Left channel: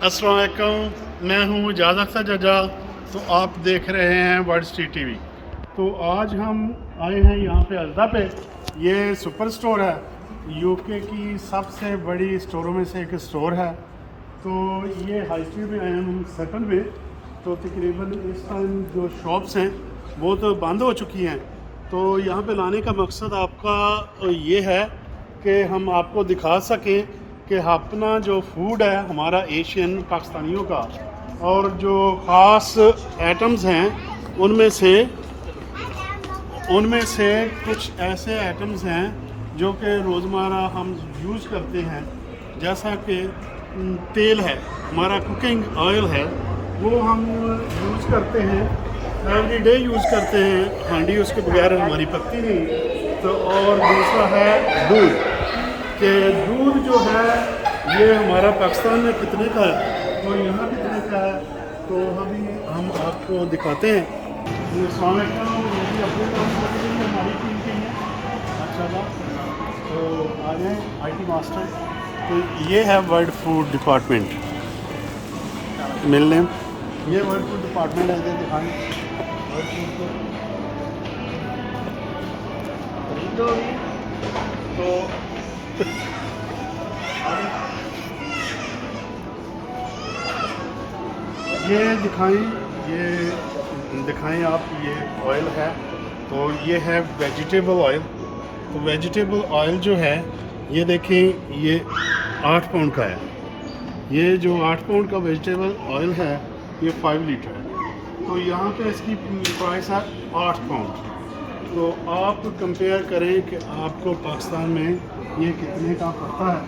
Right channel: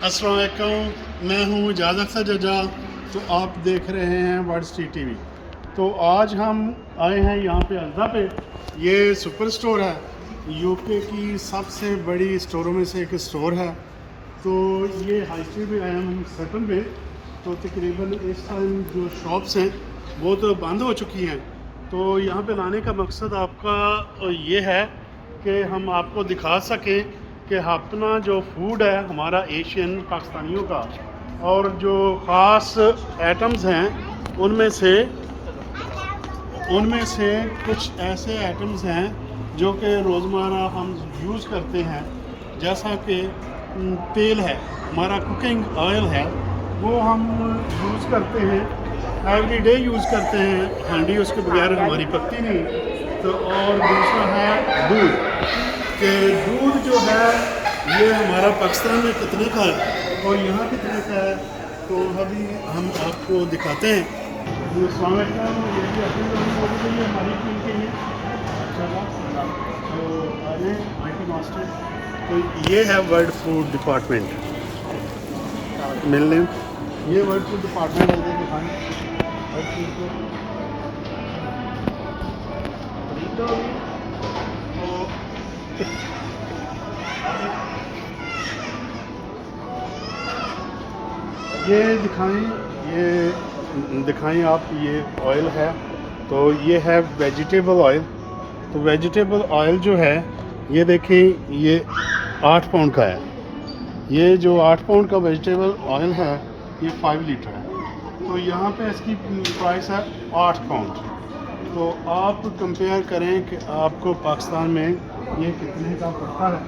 अस्सलाम वालेकुम, मैं हूँ इजाज़ अख्तर जजा। तो आप देख रहे हैं वर्ल्ड स्ट्रीट टीवी। तो आज हम आए हैं यहाँ पे अजदा पे। ये सुपर स्टोर है, यूके की सबसे बड़ी स्टोरों में से एक स्टोर है। तो ये हाई स्ट्रीट में आए हैं हम सेटल में। तो तकरीबन इस टाइम जो शॉप्स हैं वो तो बंद हो चुकी हैं। तो यहाँ पे लाने का मकसद आपका ये है कि हम आपको दिखा सकें कि अपना जो फूड है हमारा एशियन पाकिस्तानियों का, और जो ख़ास आइटम्स हैं उनमें से कुछ ऐसे आइटम्स हैं जो कि रोज़मर्रा हम यूज़ करते हैं। जैसा कि तेल है, हमारा कुकिंग ऑयल है, वो हम यूज़ करते हैं, एवरी डे यूज़ करते हैं। हांडी उसके बगैर हमारी पकती नहीं। तो और दूसरा है दूध, कि दूध जो है ये हमारा पाकिस्तान में कितने का है और यहाँ कितने का है, तो अभी हम आपको दिखाते हैं। दूसरा ये भी अपने लोगों के लिए हमारी टीम के लिए माशाल्लाह। तो आगे IT मास्टर, तो ये है वर्ल्ड फूड डिपार्टमेंट मिलने, ये वर्ल्ड फूड डिपार्टमेंट है। इधर दिखाएँ वर्ल्ड फूड को। तो ये दिखाएं आप, ये ऑयल है। तो ये है वेजिटेबल ऑयल। तो वेजिटेबल ऑयल जो है ये देखें, ये 8 पाउंड का है। ये जो 8 पाउंड का वेजिटेबल ऑयल है ये 5 लीटर है। तो यहाँ पे इसकी प्राइस है 8 पाउंड। तो आप कंपेयर करें कि आपको पाकिस्तान में ये कितने का पड़ता है।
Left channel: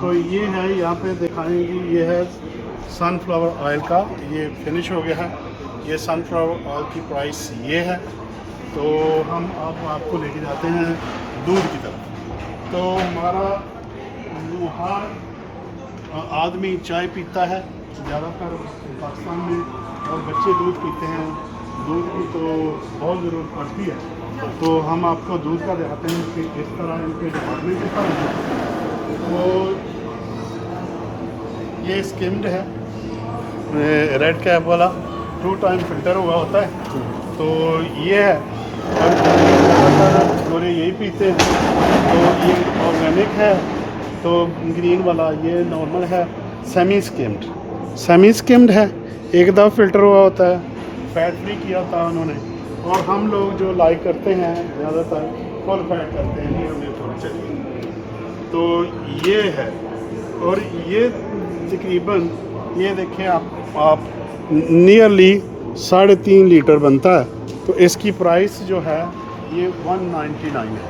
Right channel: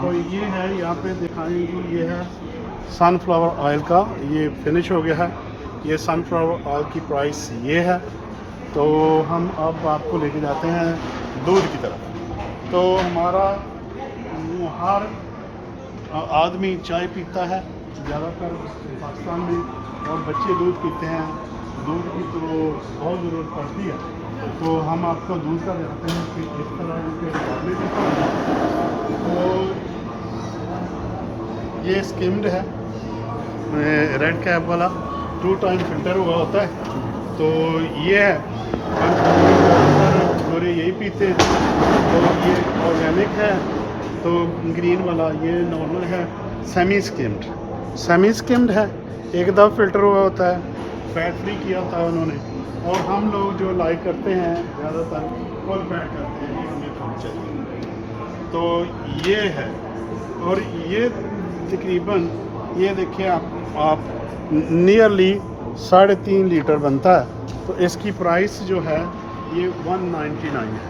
तो ये है, यहाँ पे दिखाएंगे, ये है सनफ्लावर ऑयल का, ये फिनिश हो गया है। ये सनफ्लावर ऑयल की प्राइस ये है। तो हम अब आपको लेके जाते हैं दूध की तरफ। तो हमारा हर आदमी चाय पीता है ज़्यादातर पाकिस्तान में, और बच्चे दूध पीते हैं। दूध की तो बहुत ज़रूरत पड़ती है। तो हम आपको दूध का दिखाते हैं कि इस तरह इनके डिपार्टमेंट किस तरह है। तो ये स्किम्ड है, रेड कैप वाला, 2 टाइम फिल्टर हुआ होता है। तो ये है, और ज़्यादातर गोरे यही पीते हैं। तो ये ऑर्गेनिक है। तो ग्रीन वाला ये नॉर्मल है। सेमी स्किम्ड है, एक दफ़ा फिल्टर हुआ होता है, फैट फ्री किया था उन्होंने। और हम लोग जो लाइक करते हैं ज़्यादातर फुल फैट करते हैं, ये हमें थोड़ी चाहिए। तो ये है, और ये तकरीबन ये देखिए आप नियरली 3.5 लीटर बनता है। तो इसकी प्राइस जो है ये 199 है।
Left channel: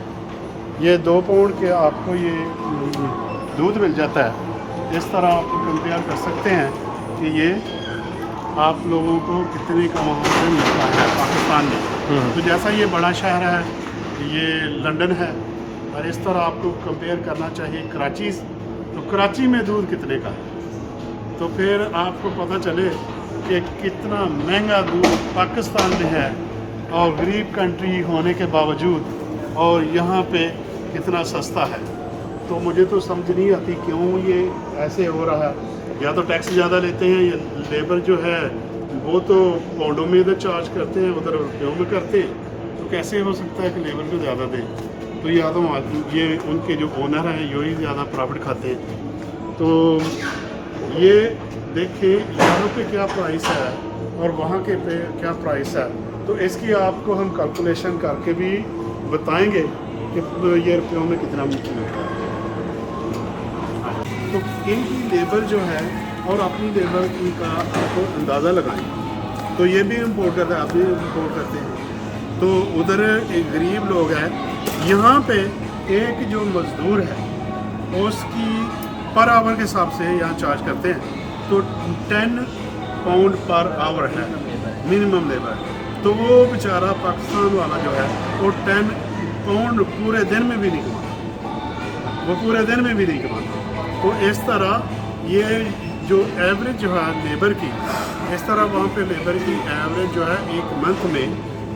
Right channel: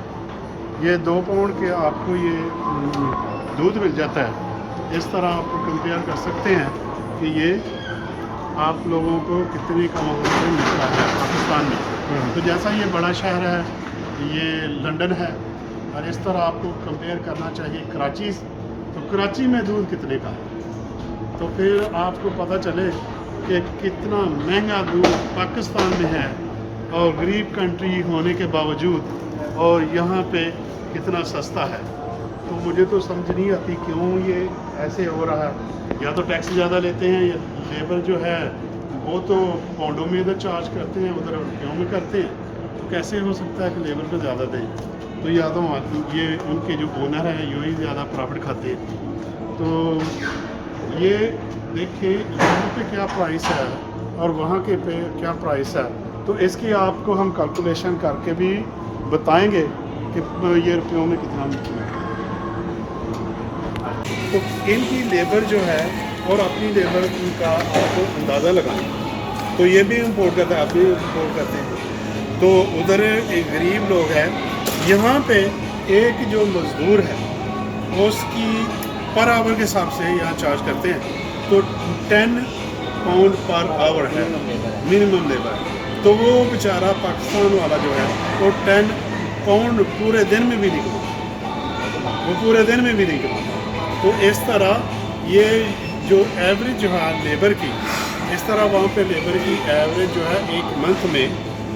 ये 2 पाउंड के आपको ये दूध मिल जाता है। इस तरह आपको कंपेयर कर सकते हैं कि ये आप लोगों को कितने का वहाँ पे मिलता है पाकिस्तान में। तो जैसा ये बड़ा शहर है, ये लंदन है, और इस तरह आपको कंपेयर करना चाहिए कराची। तो कराची में दूध कितने का है, तो फिर आपको पता चले कि कितना महंगा दूध पाकिस्तान में है, और गरीब कंट्री होने के बावजूद, और यहाँ पे कितना सस्ता है। तो मुझे तो समझ नहीं आती क्यों ये ऐसे हो रहा है। या तो टैक्स ज़्यादा लेते हैं, या लेबर जो है वो तो पाउंडों में इधर चार्ज करते हैं, उधर रुपयों में करते हैं। तो कैसे हो सकता है कि लेबर को ज़्यादा दें। तो या तो ये उनके जो ओनर हैं यही ज़्यादा प्रॉफिट खाते हैं। तो ये देखिए यहाँ पे क्या प्राइस है और वहाँ के पे क्या प्राइस है। तो इसकी आपको हम कैलकुलेशन करके भी बताएंगे कि ये रुपयों में कितना मिलता है। तो इनकी लेबर जो है और अपनी लेबर का आपको अंदाज़ा लगाएं। तो ये भी इम्पोर्ट करते हैं, आप भी इम्पोर्ट करते हैं। तो उधर एक गरीब लोग हैं, यहाँ पे एक जो मज़दूर है उसकी पर आवर के हिसाब से यहाँ चार्ज करते हैं। तो 10 पाउंड पर आवर है मिनिमम लेबर। तो वो बेचारा पाकिस्तान वाला जो है वो 10 पाउंड पूरे दिन में भी नहीं कमाता, वो पूरे दिन में भी नहीं कमाता। तो इस तरह ये जो एवरेज जो है लेबर की, इस तरह वहाँ पे लेबर की एवरेज जो है एक मंथ में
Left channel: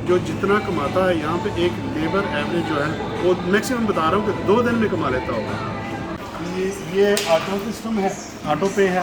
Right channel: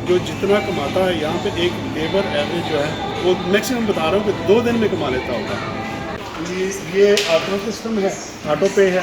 जो जितना कमाता है, यहाँ पे एक लेबर एवरेज जो है वो मैक्सिमम बता रहा हूँ कि 2 दिन में कमा लेता होगा। ये ऑटो सिस्टम है, ऑटो पे है।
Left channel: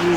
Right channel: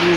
3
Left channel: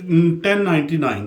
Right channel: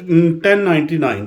1099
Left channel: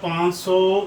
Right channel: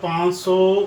500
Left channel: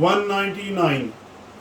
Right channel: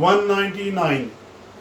199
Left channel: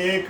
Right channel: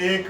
1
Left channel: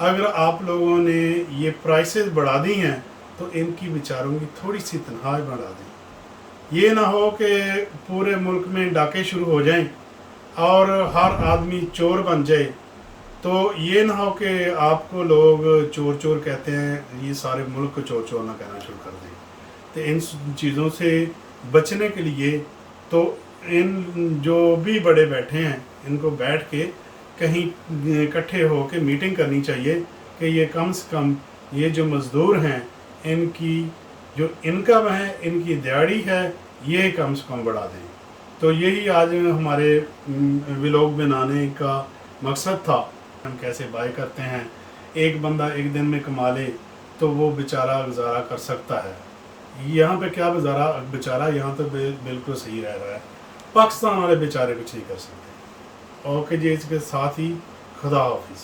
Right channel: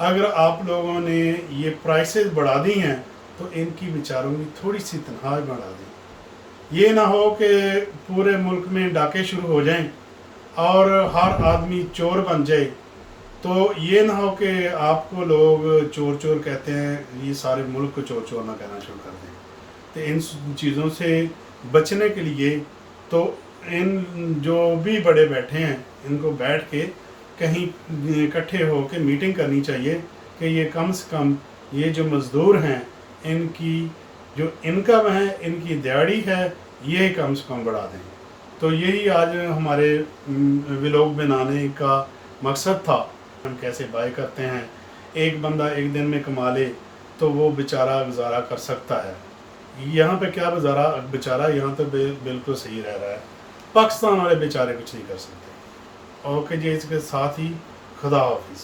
अगर आप लोगों ने ये प्राइसेस बढ़ा दी हैं तो इनकी बेचारों की थोड़ी सी तनख्वाह बढ़ा दें। ये ना हो कि पूरे मुल्क में डाके शुरू हो जाएं और हर आदमी चोर बन जाए। तो ये ना हो कि आपको लोग चोर चोर कहते हैं, ये सारे मुल्क को चोर चोर ना कहना शुरू कर दें। तो इन चीज़ों से बचने के लिए तो इन जो भी बड़े बैठे हैं इनको बैठ के कहीं इकट्ठे हो के मीटिंग करनी चाहिए कि ये कम से कम ये जो मज़दूर हैं इनकी जो इनकम है, इनकी दिहाड़ी है, ये कम से कम बढ़ा दें। तो यही आज हमारे व्लॉग बनाने का मकसद था। हम कैसे बाय करते हैं, एक बंदा एक दिन में कमा ले तो वो बेचारा गुजारा कर सकता है। यहाँ पे क्या बेचारा यहाँ तो बिल्कुल सही रह रहा है। पाकिस्तान वाले बेचारे कुछ नहीं कर सकते। ओके जी, इसके साथ ही खुदा हाफिज़।